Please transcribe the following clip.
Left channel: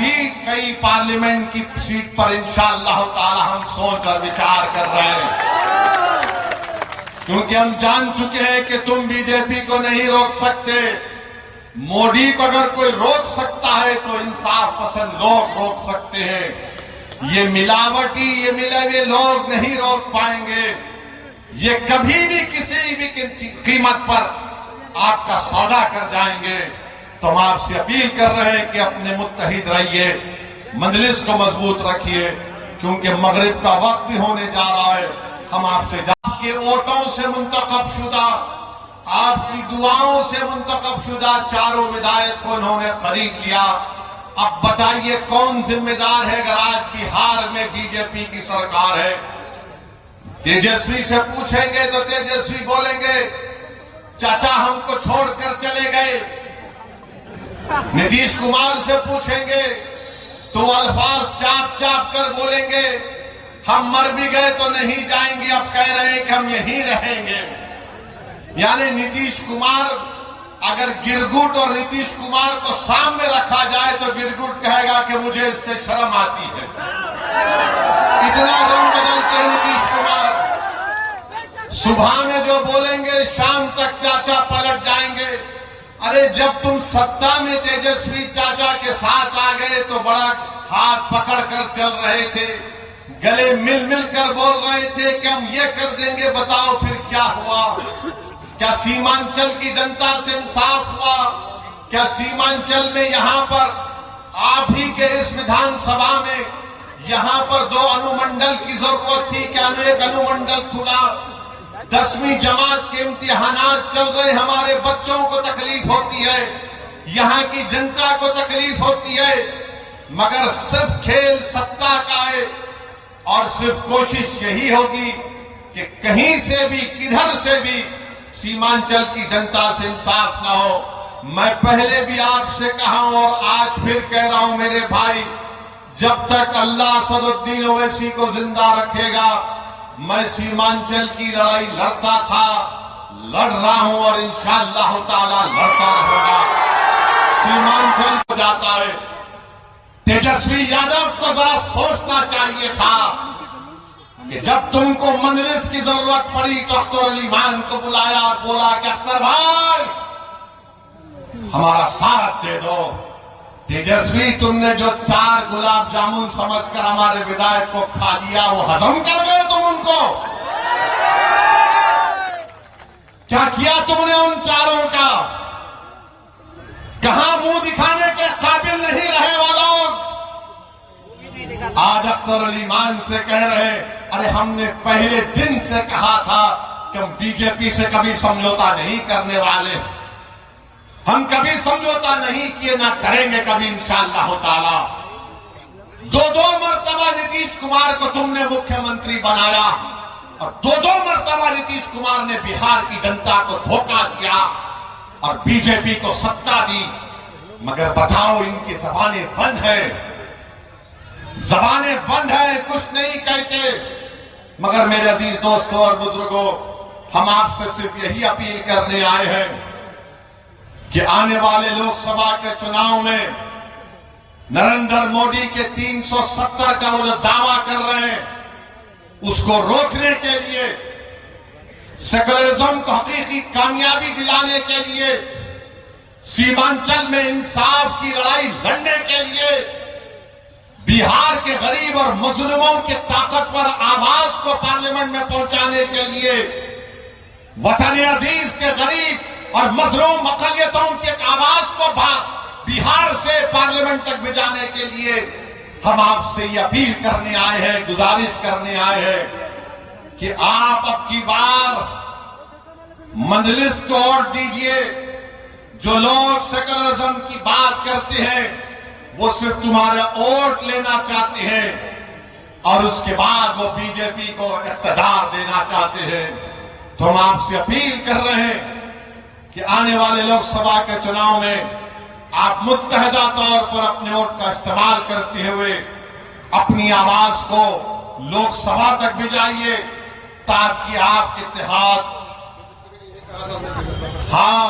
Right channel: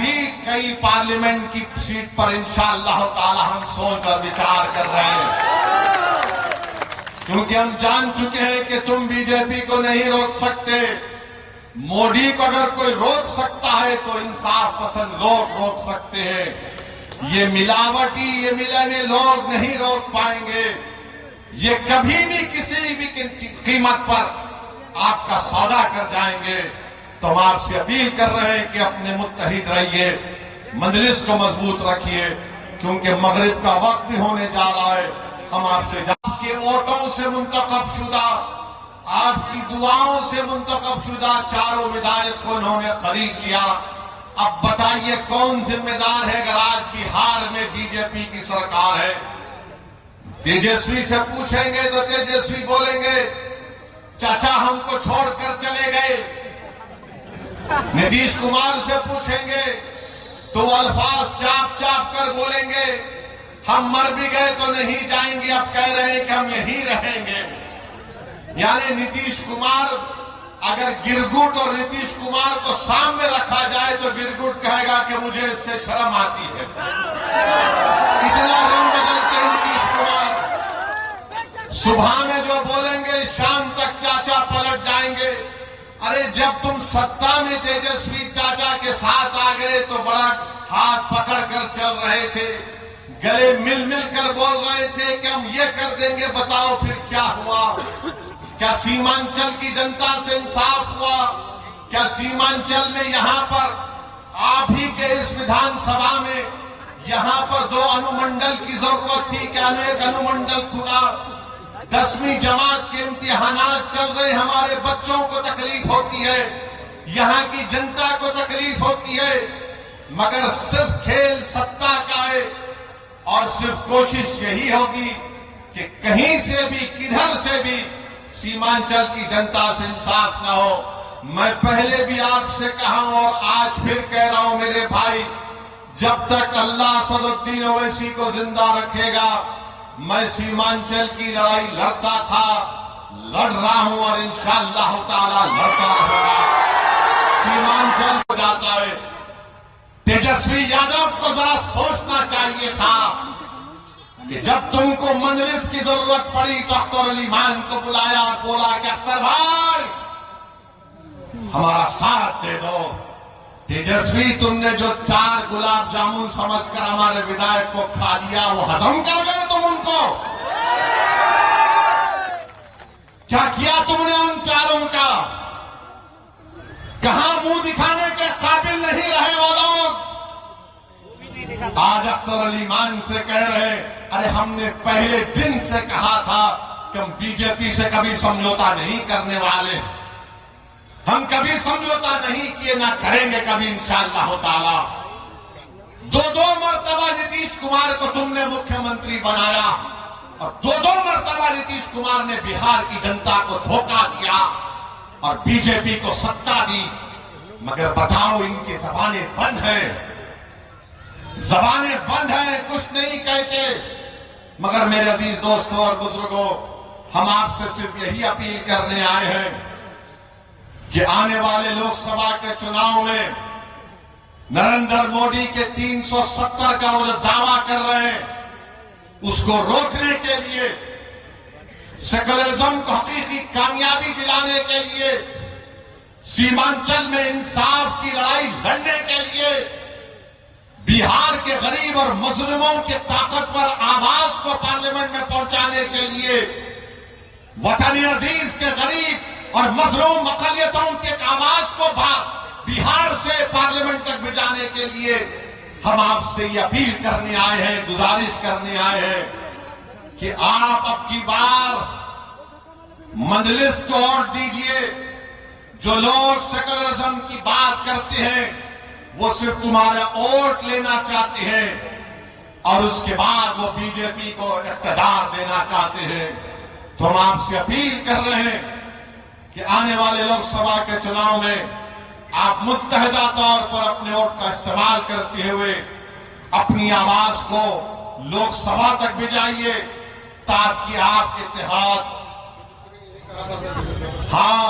भी कई पार्लियामेंट की सीट पर इंशाअल्लाह ताला हम सोच और विचार कर रहे हैं, क्योंकि हम जान चुके हैं कि तुम बीजेपी को नहीं रोक सकते। मोदी को अगर कोई रोक सकता है तो इंसाफ पसंद लोग रोक सकते हैं। ये मिलावटी, ये मिले हुए लोग नहीं रोक पाएंगे। ये कभी भी किसी भी कीमत पर आपका सौदा कर जाएंगे। तो हम आपसे अपील कर रहे हैं कि अपने मुत्तहिद रहिए, मजलिस को मजबूत रखिए, क्योंकि मगरिब का वक्त भी होने जा रहा है। हम आपसे आपके वोटों से मुंतखब शुदा, आपकी दुआओं से मुंतखब शुदा चारों विधायक को उन्होंने खरीद लिया। अब बताइए कौन जिम्मेदार है अगर आज बिहार में बीजेपी की सरकार है? तेजस्वी से पूछेंगे तो तेजस्वी बोलेंगे चाचा हमको छोड़कर चले गए। नीतीश कुमार से पूछेंगे तो अल्फाज चाप चाप कर बोलेंगे हम मर भी गए तो नहीं जाएंगे, अब कह रहे हैं कि हम यहीं रहेंगे। यानी नीतीश कुमार, अगर गिरगुट और नीतीश कुमार को सामने रखा जाए तो गिरगुट कहेगा कि मुझे इससे शर्म आती है। इतना रंग बदलते हैं नीतीश कुमार। सुबह में जो बोलेंगे शाम तक चाचा पलट जाएंगे। अरे जब तुम सत्ता में तेजस्वी चाचा के साथ आ गए तो बड़ा हाथ पकड़ कर चल रहे थे, गले मिल मिल कर बोल रहे थे कि हम ये कर देंगे, बताओ फिर क्या हुआ? क्या सीमांचल की जनता से इंसाफ हुआ? क्या सीमांचल में यहाँ पर आप ही के इस विधानसभा में यहाँ पर 2 अनुमंडल की जरूरत थी, क्या एक अनुमंडल खुला? 10वीं जमात के इम्तिहानात चल रहे, हमारे बच्चों को तकलीफ होती है, यहाँ की जनता को तकलीफ होती है, मगर सिर्फ खेल सत्ता का है और सिर्फ कोशिश यही होगी कि कहीं से भी किधर से भी सीमांचल की जनता से इंसाफ ना हो। मैं पहले भी आपसे कहा हूं और आज फिर कह रहा हूं मेरे भाई, जब तक अल्लाह असदुद्दीन ओवैसी को जिंदा रखेगा मैं सीमांचल की लड़ाई लड़ता था, लड़ रहा हूं और इंशाअल्लाह ताला लड़ता रहूंगा। सीमांचल हो जाता है। तेजस्वी यादव को जरा सोचना चाहिए था कि जब तुमको मजलिस की जरूरत पड़ी तो अख्तर अली मान को बुलाया और बोला कि अख्तर भाई हमारा साथ दे दो। तेजस्वी तुमने जो 4 गुलाब जामुन समझकर हमारे विधायक को खा लिया, वो हजम कर गए तुम उनको? क्या किया तुमने उन 4 का? कहां मुंह दिखाने के काबिल नहीं रहे वो लोग? आज अख्तर अली मान से कह रहे, अरे हमने पहले दिन से कहा था कि हम बीजेपी से कभी समझौता नहीं करने वाले, हम कभी समझौता नहीं किए, ना करेंगे कभी इंशाअल्लाह ताला। 2 मरतबा नीतीश कुमार को तुमने मुख्यमंत्री बनाया और 2 मरतबा नीतीश कुमार ने बिहार की जनता को धोखा दिया और बीजेपी को सत्ता दी। मगर बताओ इनकी जबानें बंद है, जबानें बंद है, कुछ नहीं कहते। मगर मेरे अजीज दोस्तों और बुजुर्गों, हम आपसे सिर्फ यही अपील करने आए हैं कि आने वाले लोकसभा के चुनाव में नरेंद्र मोदी के 370 का वो जो दावा कर रहे हैं उसको रोकने के लिए, सेकुलरिज्म को हकीकी कामयाबी दिलाने के लिए, सीमांचल में इंसाफ की लड़ाई लड़ने के लिए, बिहार के गरीब और मजलूमों के ताकतवर आवाज को पार्लियामेंट में पहुंचाने के लिए, वतन अजीज के गरीब और मजलूम अकलियतों की आवाज को बिहार से पार्लियामेंट तक भिजाने के लिए हम आपसे ये अपील करने आए हैं, गुजारिश करने आए हैं कि आप अब की बार मजलिस को वोट दीजिए। जो लोग सेकुलरिज्म की बात करते हैं वो सिर्फ तुम्हारा वोट लेना चाहते हैं और उसके बाद वो बीजेपी को इख्तियार देना चाहते हैं। तो हम आपसे अपील कर रहे हैं कि आने वाले लोकसभा के चुनाव में आप मुत्तहिदा तौर पर अपने वोट का इस्तेमाल करते हुए अपनी आवाज को लोकसभा तक भिजाइए ताकि आप इत्तेहाद, हाँ